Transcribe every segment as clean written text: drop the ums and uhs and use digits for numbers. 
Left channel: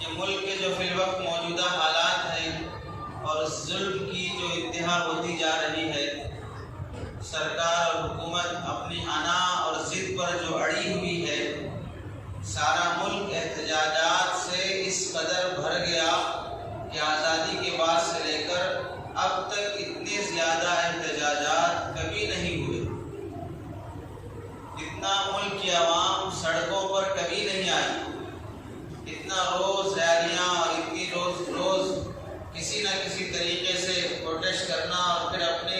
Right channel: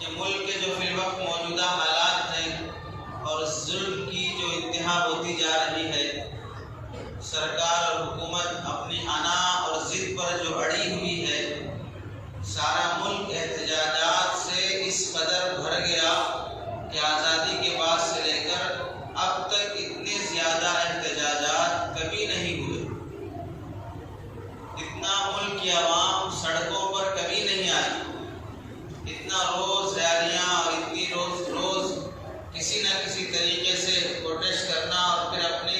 کہ ملک کے جو فی الوقت موجودہ حالات ہیں اور ظلم کی جو انتہا ہوتی جا رہی ہے، سرکار اور حکومت اپنی انا اور ضد پر جو اڑی ہوئی ہے، سارا ملک احتجاجات سے اس قدر بھر گیا کہ آزادی کے بعد سے لے کر اب تک اتنے زیادہ احتجاجات کبھی نہیں ہوئے، اتنا ملک کی عوام سڑکوں پر کبھی نہیں آئی، اتنا روز ریلیاں اور اتنی روز کسی نہ کسی طریقے سے پروٹیسٹ کرنا اور پھر اپنے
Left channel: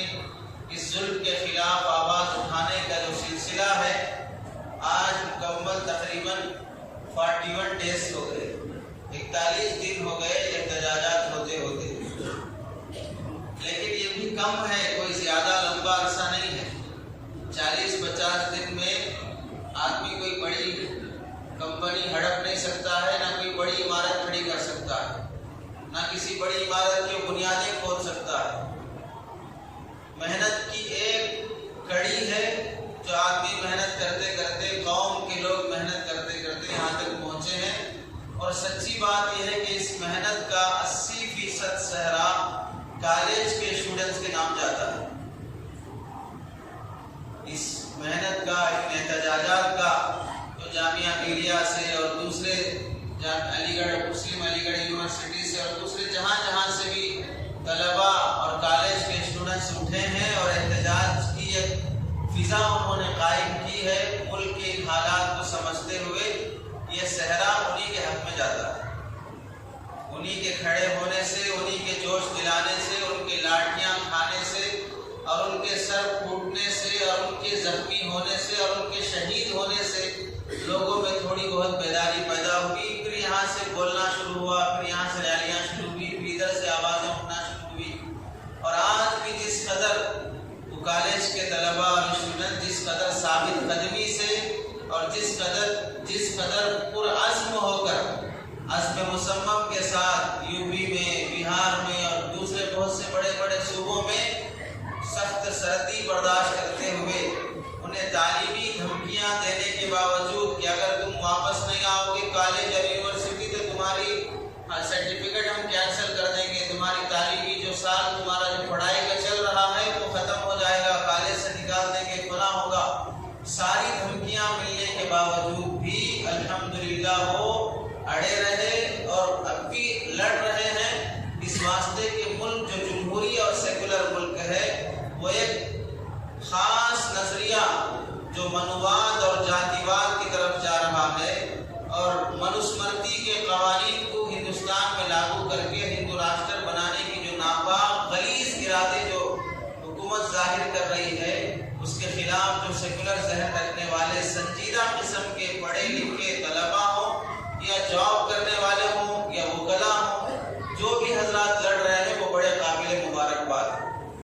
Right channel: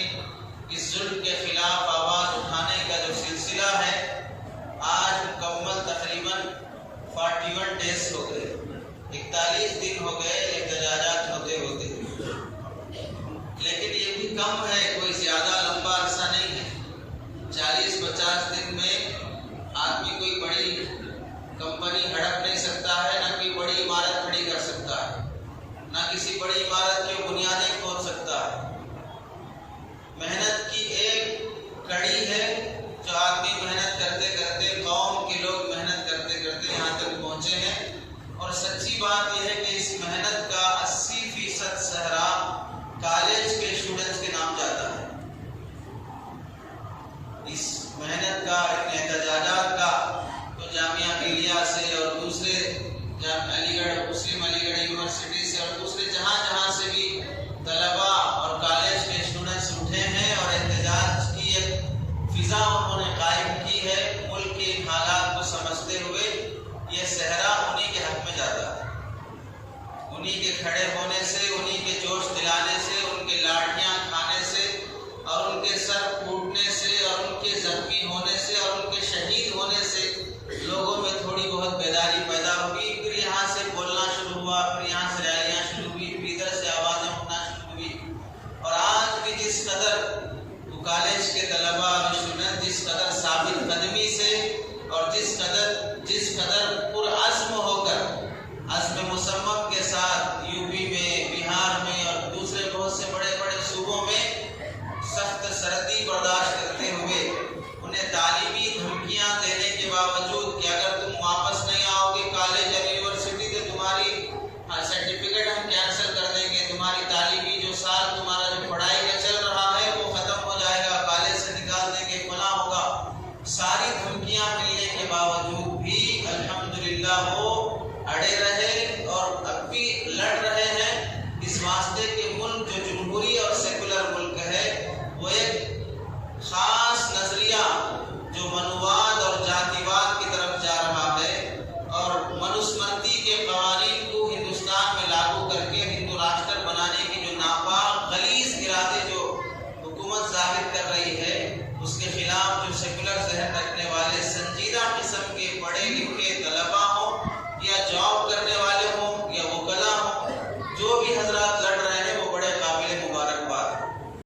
اس ظلم کے خلاف آواز اٹھانے کا جو سلسلہ ہے، آج مکمل تقریباً 41 ڈیز ہو گئے، 41 دن ہو گئے احتجاجات ہوتے ہوتے، لیکن یہ بھی کم ہے، کوئی زیادہ لمبا عرصہ نہیں ہے۔ 40-50 دن میں آدمی کوئی بڑی کمپنی ہڑپ نہیں سکتا ہے، نہ کوئی بڑی عمارت کھڑی کر سکتا ہے، نہ کسی بڑی عمارت کی بنیادیں کھود سکتا ہے۔ محنت کی ایک کڑی ہے جو آدمی محنت کرتے کرتے، قوم کے لوگ محنت کرتے کرتے یہاں تک پہنچے ہیں، اور سچی بات یہ ہے کہ اس محنت کا 80% صحرا کالج کے اسٹوڈنٹس کے نام جاتا ہے۔ اس محنت کا، ان احتجاجات کا تو جامعہ ملیہ سے اور دوسرے علی گڑھ مسلم علی گڑھ یونیورسٹی سے اور دوسرے جہاں سے بھی طلباء اور کالج کے اسٹوڈنٹس اٹھے ہیں اور احتجاج کی ایک فضا انہوں نے قائم کی ہے۔ ملک کے حالات کو سمجھتے ہوئے یہ صحرا انہی کے حق میں جاتا ہے، انہی کے کھڑے ہونے سے، انہی کے جوش دلانے سے، ان کے لاٹھیاں کھانے سے اور ان کے سر پھوٹنے سے اور ان کے زخمی ہونے سے اور ان کے شہید ہونے سے لوگوں میں تھوڑی بہت بیداری پیدا ہوئی، پھر یہاں سے بولنا شروع ہوا، پھر یہاں سے ریلیاں شروع ہوئی، پھر ادھر سے آوازیں اٹھنا شروع ہوئی، اور آج بھی جس قدر وہ کالج کے طلباء اور اسٹوڈنٹ جس قدر ثابت قدمی سے اور جس قدر پرعزم ہو کر، عزم مصمم کے ساتھ یو پی میں، بہار میں اور دوسرے بہت سے بڑے بڑے صوبوں میں سخت سردی برداشت کرتے ہوئے، انہیں تعلیمی دھمکیاں دینے کے باوجود کہ اگر تم واپس نہیں آؤ گے کالج اور یونیورسٹی تو تمہاری سرٹیفکیٹ ہم کینسل کر دیں گے، تمہاری تعلیمی جو سال تمہارا جو پڑھائی کا چل رہا ہے وہ ختم ہو جائے گا، کالج سے نکال دیں گے، فلاں ہوگا، ساری دھمکیاں ملنے کے باوجود بھی الحمدللہ وہ اڑے رہے اور اب بھی لڑ رہے ہیں، اس واسطے کہ ملک جو جمہوری اور سیکولر ملک ہے وہ ایک خاص نظریہ جو منوواد اور جاتیواد کی طرف جا رہا ہے اور منوسمرتی کے قوانین کو ہندوستان میں لاگو کر کے ہندو راشٹر بنانے کی جو ناپاک غلیظ ارادے جو حکومت ظاہر کر رہی ہے، اس کے خلاف جو سیکولر ذہن رکھنے والے سنجیدہ